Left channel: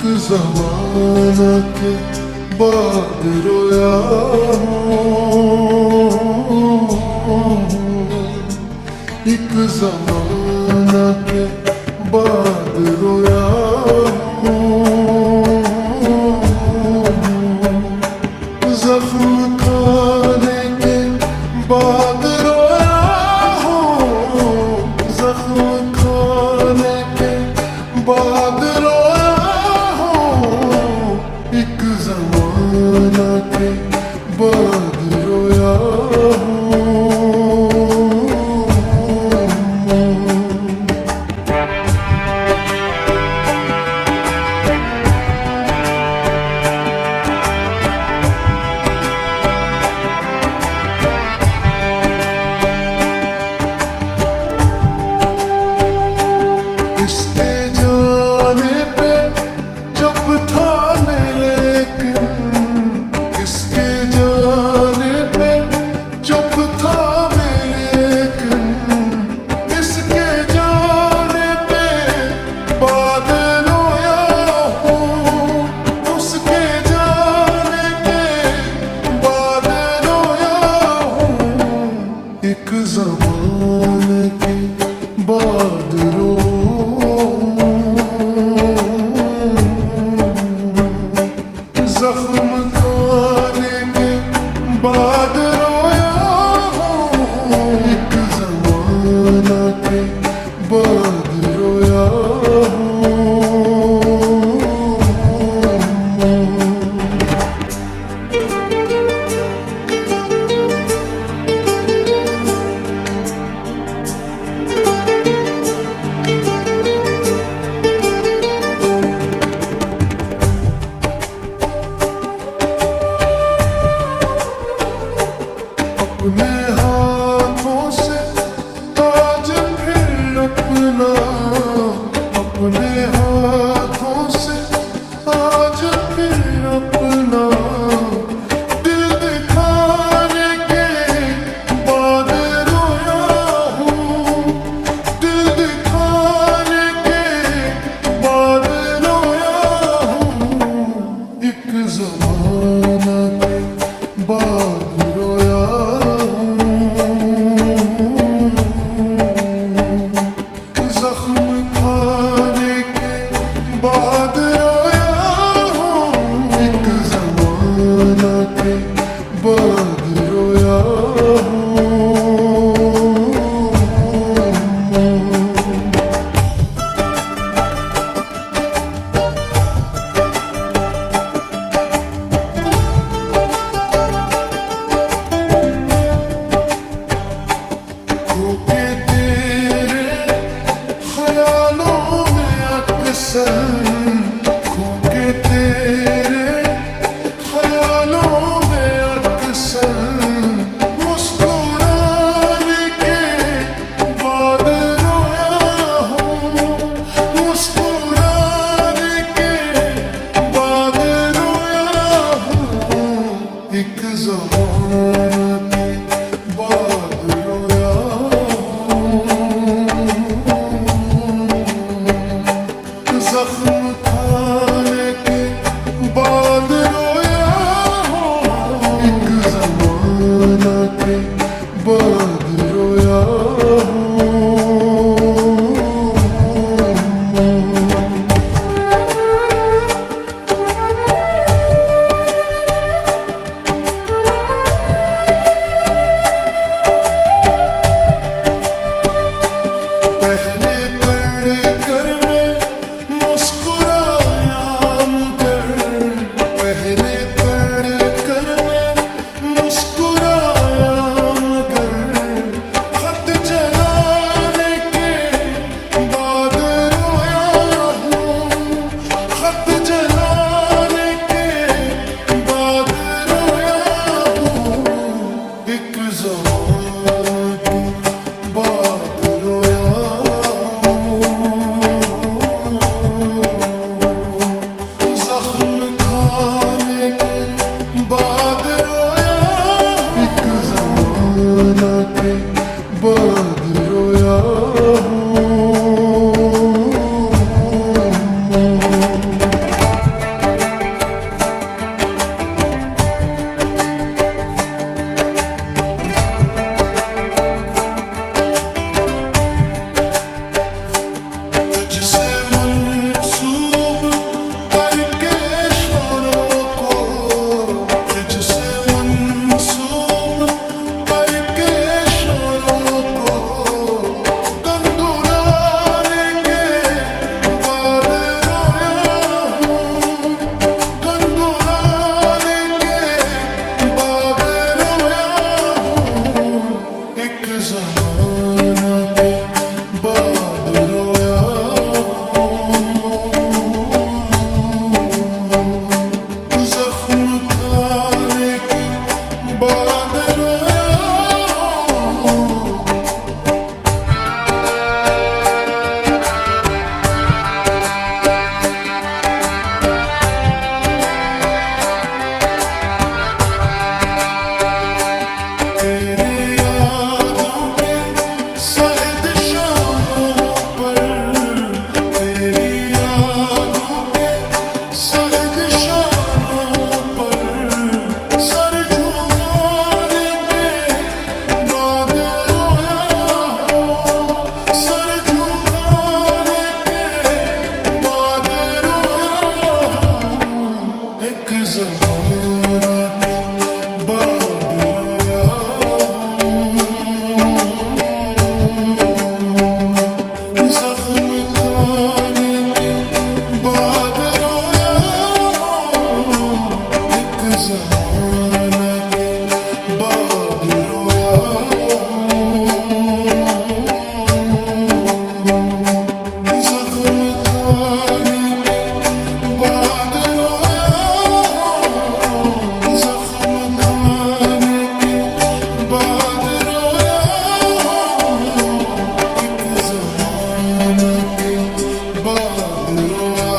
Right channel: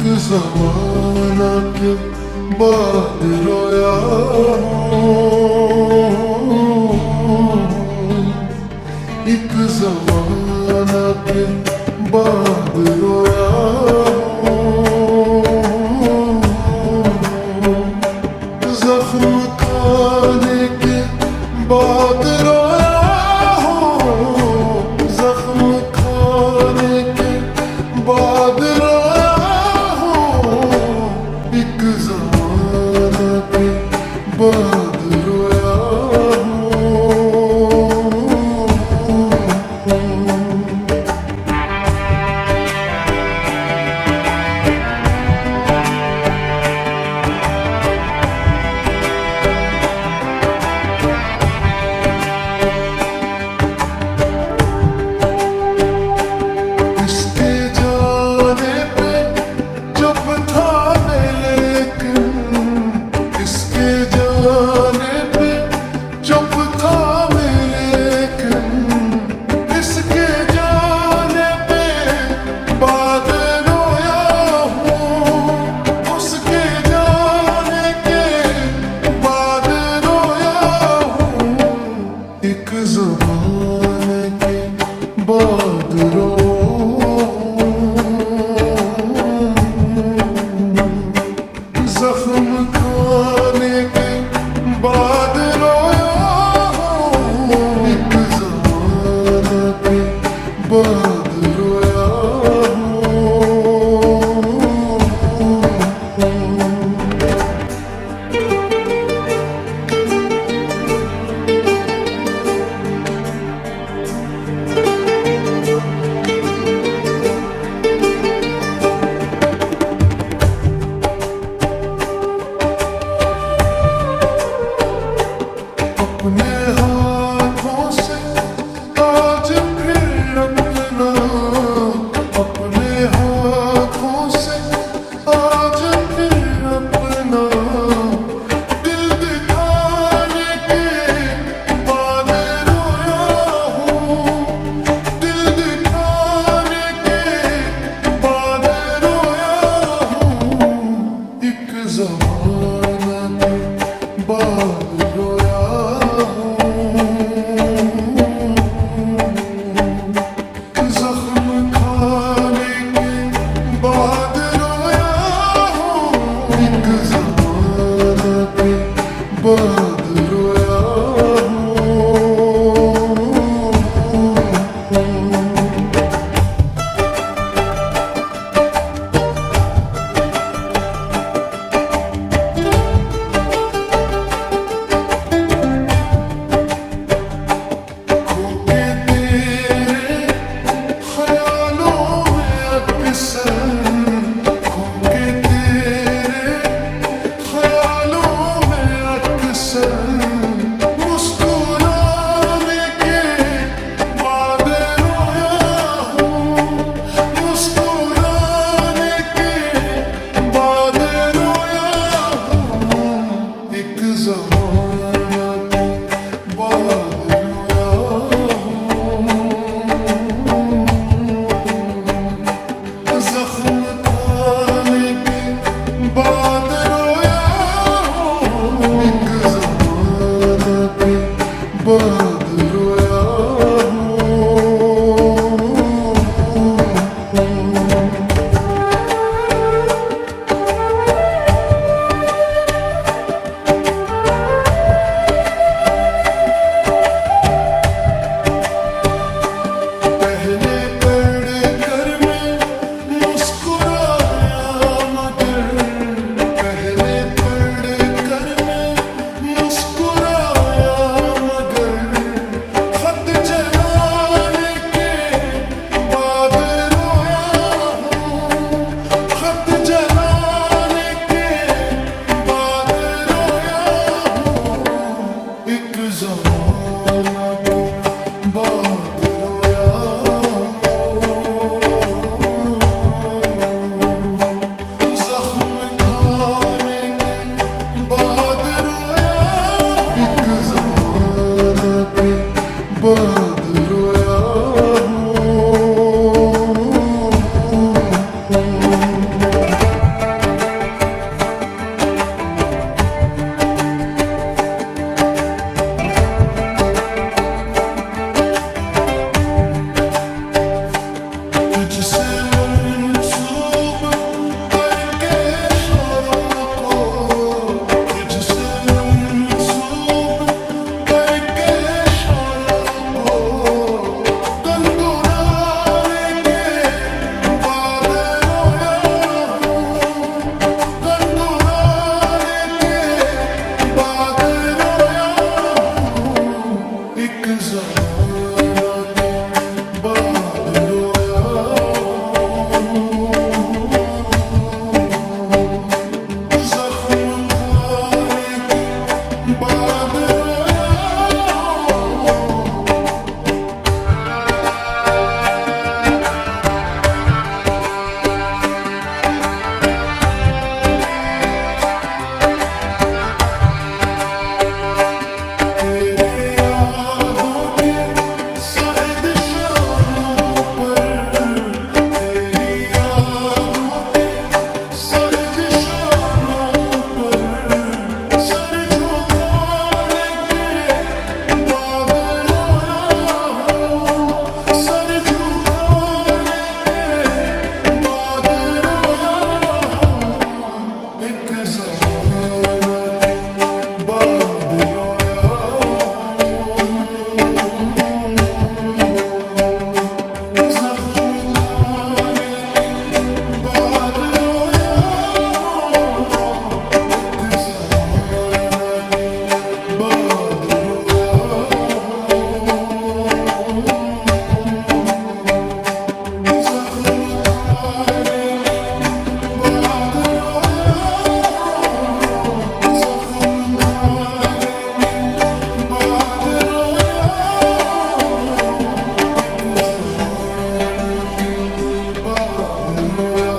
एक ज़माना के बाद रोया हूँ, एक ज़माना के बाद रोया हूँ, ज़ख्म खाने के बाद रोया हूँ, ज़ख्म खाने के बाद रोया हूँ, एक ज़माना के बाद रोया हूँ। इसके जाने पे चुप था मैं, लेकिन इसके जाने पे चुप था मैं, लेकिन इसके जाने पे बाद रोया हूँ, उसके जाने के बाद रोया हूँ, एक ज़माने के बाद ज़ख्म खाने के बाद रोया हूँ, एक ज़माना के बाद रोया हूँ। अपने हाथों से आज फिर अपना, अपने हाथों से आज फिर अपना दिल दिखाने के बाद रोया हूँ, दिल दिखाने के बाद रोया हूँ, एक ज़माना के बाद रोया हूँ, ज़ख्म खाने के बाद रोया हूँ, एक ज़माना के बाद रोया हूँ। खोके तेरे ख्यालों में अक्सर, खोके तेरे ख्यालों में अक्सर मुस्कुराने के बाद रोया हूँ, मुस्कुराने के बाद रोया हूँ, एक ज़माना के बाद रोया हूँ, ज़ख्म खाने के बाद रोया हूँ, एक ज़माना के बाद रोया हूँ। पहले पढ़कर मैं मुस्कुराया मगर, पहले पढ़कर मैं मुस्कुराया मगर, खत जलाने के बाद रोया हूँ, खत जलाने के बाद रोया हूँ, एक ज़माना के बाद रोया हूँ, ज़ख्म खाने के बाद रोया हूँ, एक ज़माना के बाद रोया हूँ। जमाना के बाद रोया जख्म खाने के बाद रोया एक जमाना के बाद रोया जख्म खाने के बाद रोया जख्म खाने के बाद रोया एक जमाना के बाद रोया